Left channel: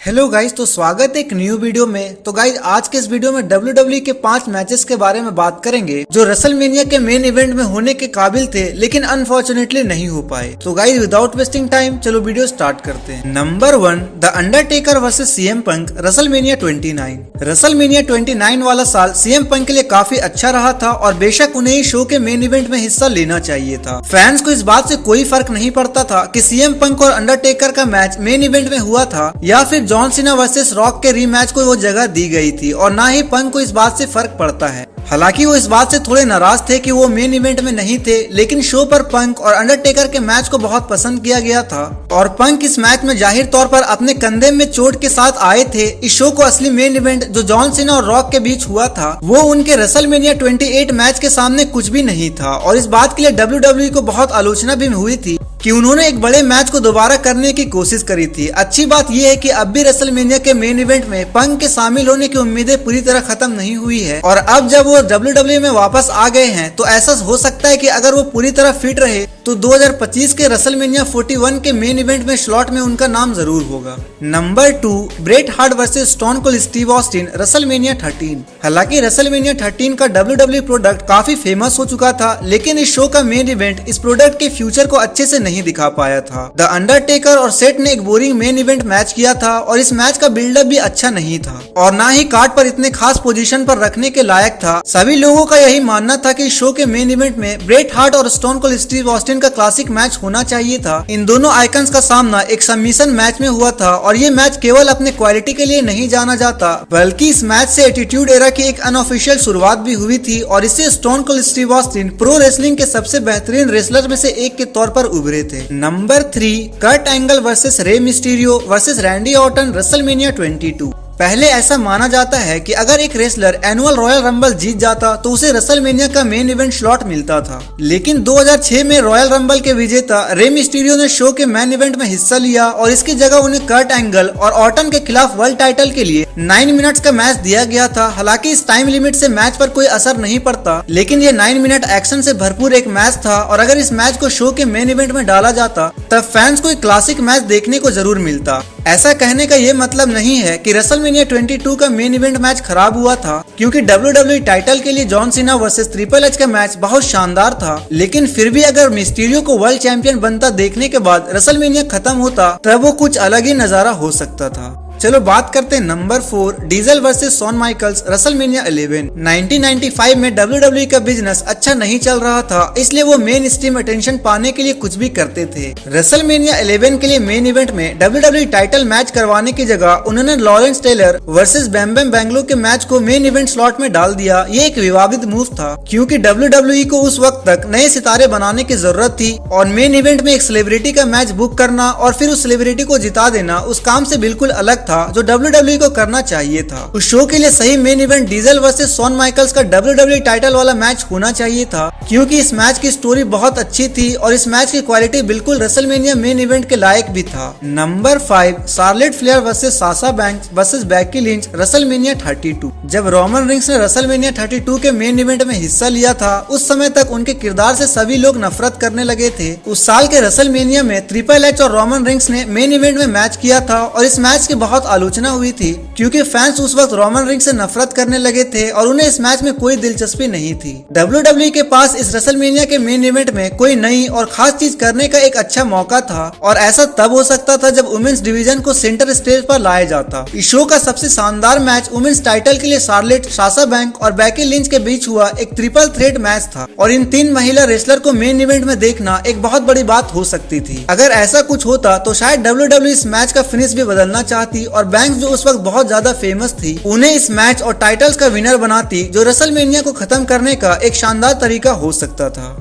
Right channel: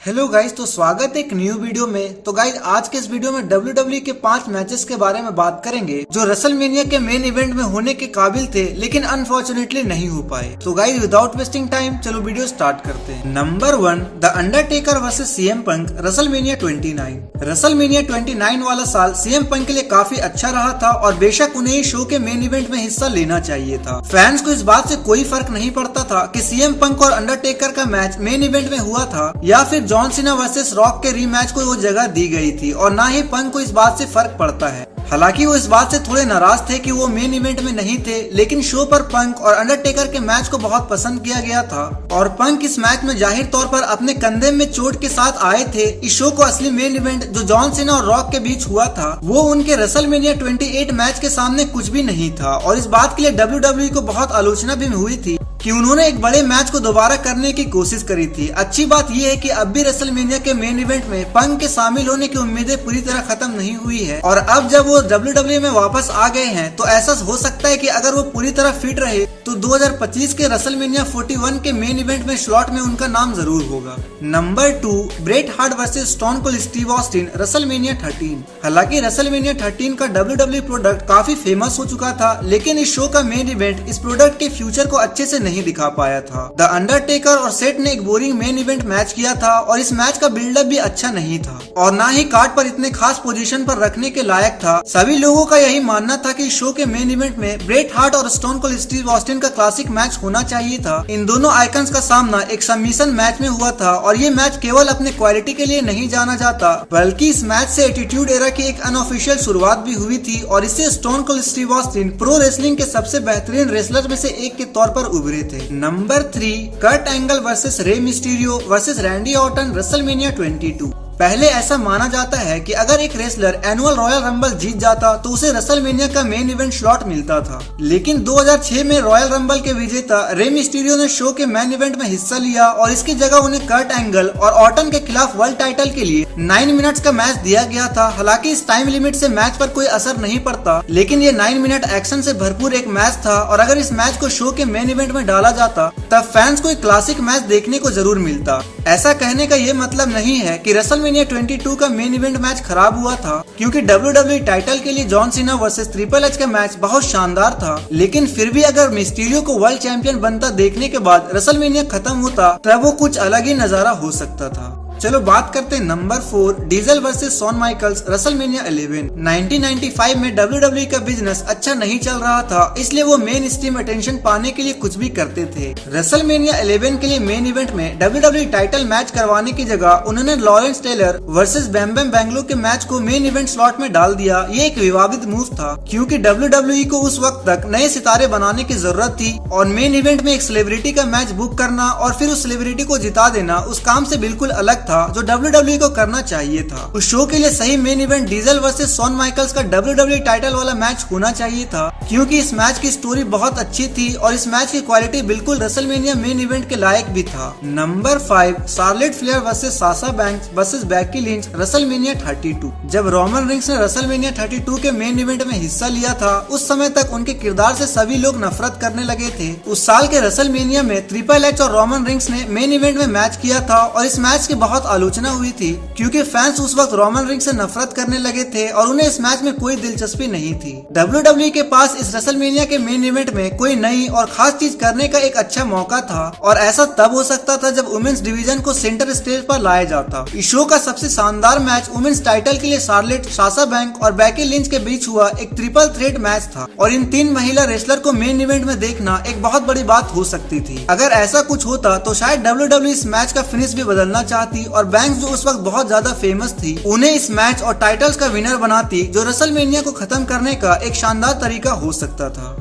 Hello guys, तो स्वागत है एक न्यू वीडियो में। तो गाइज आज के इस वीडियो में WWE के 5 मैचेस के बारे में बात करेंगे जो रेसलमेनिया के मेन इवेंट में होने के काबिल थे लेकिन अनफॉर्चुनेटली नहीं हो पाए। तो गाइज विदाउट वेस्टिंग टाइम चलो वीडियो स्टार्ट करते हैं। Number 1, the Undertaker versus CM punk WrestleMania 29। WrestleMania 29 वाला साल CM पंक के लिए काफी अच्छा रहा था और बेशक उन्हें इस शो के मेन इवेंट में हिस्सा लेना चाहिए था। फैंस को इस बात से कोई फर्क नहीं पड़ता था कि CM पंक और अंडरटेकर का मैच मेन इवेंट में हुआ था या फिर जॉन सीना वर्सेस रॉक के रीमैच को वो जगह दी गई थी, और ना ही पंक को इस बात से फर्क पड़ता है। हालांकि वो इस बात से थोड़े नाराज थे कि वो मेन इवेंट में नहीं थे, लेकिन शो पर पंक और अंडरटेकर के मैच को बहुत पसंद किया गया था और पंक इस मैच में जाहिर तौर पर अपने कंधे में चोट के साथ आए थे। इस शो को असली मेन इवेंट जो जॉन सीना और रॉक के बीच हुआ था वो उनके रेसलमेनिया 28 मैच के सामने कुछ भी नहीं था, और इस बात के लिए WWE को बहुत आलोचना भी हुई थी कि उन्होंने एक बड़े मैच को दोबारा करने की कोशिश करी थी। अच्छी बात यह है कि अब भी रेसलमेनिया के मेन इवेंट में पंक के शामिल होने की उम्मीदें पूरी तरह खत्म नहीं हुई है, और अब जब वो WWE में वापस आ गए हैं तो ऐसा हो सकता है कि अगर वो पूरी तरह फिट रहे तो 2025 के रेसलमेनिया 41 के मेन इवेंट में स्लॉट में उनका नाम जरूर होगा। Number 2, Bret Hart versus stone cold Steve Austin WrestleMania 13। हालांकि रेसलमेनिया 13 का WWE प्रोडक्ट काफी फेमस हो चुका था, लेकिन इस शो का मेन इवेंट इस प्रोडक्ट के फ्यूचर को अच्छे से नहीं दिखा पाया था। द अंडरटेकर और सेट ने एक बोरिंग मेन इवेंट मैच किया था और इस मैच का बिल्डअप भी अच्छा नहीं था और ना ही कार्ड पर इतने खास पोजीशन पर रखने के लायक था। सभी लोगों का यही मानना था कि शो के मेन इवेंट में ब्रेट हार्ट और स्टोन कोल्ड स्टीव ऑस्टिन का क्लासिक मैच होना चाहिए था। इन दोनों आइकन्स का सामना एक सबमिशन मैच में हुआ था और ये मैच केवल अपने क्वालिटी के लिए नहीं जाना जाता, बल्कि इस मैच से एटीट्यूड एरा की एक अनऑफिशियल शुरुआत भी हुई थी और इससे stone cold Steve Austin pro wrestling के सबसे बेहतरीन रेसलर में से एक के तौर पर उभरे थे। Number 3, Kurt Angle versus Rey Mysterio versus Randy Orton WrestleMania 22। पहले ऐसा माना जाता है कि अगर एक रेसलर एनुअल रॉयल रंबल जीत जाता तो उसे रेसलमेनिया का मेन इवेंट स्लॉट मिलता था, लेकिन 2006 में रॉयल रंबल के विजेता रे मिस्टीरियो ने शो के मेन इवेंट में हिस्सा लिया और इसकी जगह उन्हें कर्ट एंगल और ऑर्टन के खिलाफ वर्ल्ड टाइटल के लिए 9 मिनट्स का मैच दिया गया था। हालांकि इस टाइम लिमिट से मैच पर कोई असर नहीं पड़ता, लेकिन ये 9 मिनट एक्शन से भरपूर एक मैच था और अगर इस मैच को शो के मेन इवेंट में डाला जाता तब फैंस को एक क्लासिक मैच देखने को जरूर मिलता। ऐसा कहने का ये मतलब नहीं है कि रेसलमेनिया 22 का मेन इवेंट मैच खराब हुआ था, क्योंकि WWE टाइटल के लिए John Cena versus triple H का मैच बहुत शानदार था, लेकिन फिर भी अगर मिस्टीरियो को वर्ल्ड चैंपियन बनता देखने के बाद रेसलमेनिया खत्म होता तब वो कुछ अलग ही नजारा हो सकता था। चलो बात करते हैं number 4, Diesel versus Shawn Michaels WrestleMania 11। 1995 में WWE का बिजनेस अच्छा नहीं चल रहा था, इसलिए वो मेन स्ट्रीम अटेंशन पाने के लिए कुछ भी करते थे। रेसलमेनिया 11 के लिए मेन इवेंट में WWE टाइटल मैच करवाने की जगह उन्होंने लॉरेंस टेलर वर्सेस बैम बैम बैंगलोर के मैच को मेन इवेंट स्लॉट में डाल दिया। ये एक विवादित मूव था, क्योंकि WWE को उस वक्त तक नए सितारे बनाने की जरूरत थी और मेन इवेंट में एक सेलिब्रिटी का मैच बुक करना और फिर उस सेलिब्रिटी को जिता देना उस काम से बिल्कुल अलग था जो WWE को करना चाहिए था। उस शो के लिए सही main event Diesel versus Shawn Michaels का WWE टाइटल वाला मैच होना चाहिए था, क्योंकि इस मैच की स्टोरी बहुत अच्छी थी और इस मैच की क्वालिटी बिल्कुल रेसलमेनिया मेन इवेंट के लायक भी था। Number 5, Charlotte Flair versus Sasha banks versus Becky Lynch WrestleMania 32। जब रोमन रिंग्स ने रेसलमेनिया 32 के मेन इवेंट में हिस्सा लिया था उस समय तक उनके किरदार से सभी लोग नफरत करने लगे थे। उस साल के रेसलमेनिया में ट्रिपल एच और रोमन रिंग्स ने मेन इवेंट में मैच किया था और इस मैच की बहुत आलोचना हुई थी, क्योंकि फैंस उस वक्त रोमन रिंग्स से नफरत करने लगे थे और उन्हें इस मैच में कोई दिलचस्पी नहीं थी। WWE के पास इस रेसलमेनिया के मेन इवेंट में कोई नई और खास चीज करने का एक अच्छा मौका था, और ऐसा तब हो सकता था जब वुमेन्स डिवीजन को सेंटर स्टेज पर लाया जाता। इस शो का सबसे शानदार मैच वुमेन्स टाइटल के लिए शार्लेट, साशा बैंक और बेकी लिंच के बीच हुआ एक ट्रिपल थ्रेट मैच था, और इन 3 महिला रेसलर को मेन इवेंट में देखना एक बहुत बड़ी बात हो सकती थी। अगर ऐसा कुछ होता तो शायद WWE इस मैच का फिनिश भी बदलना चाहती और बैंक्स जो उस वक्त बहुत ज्यादा फेमस थी उन्हें इस मैच और टाइटल्स का विनर बनाती, जो रेसलमेनिया को खत्म करने का एक शानदार तरीका हो सकता था।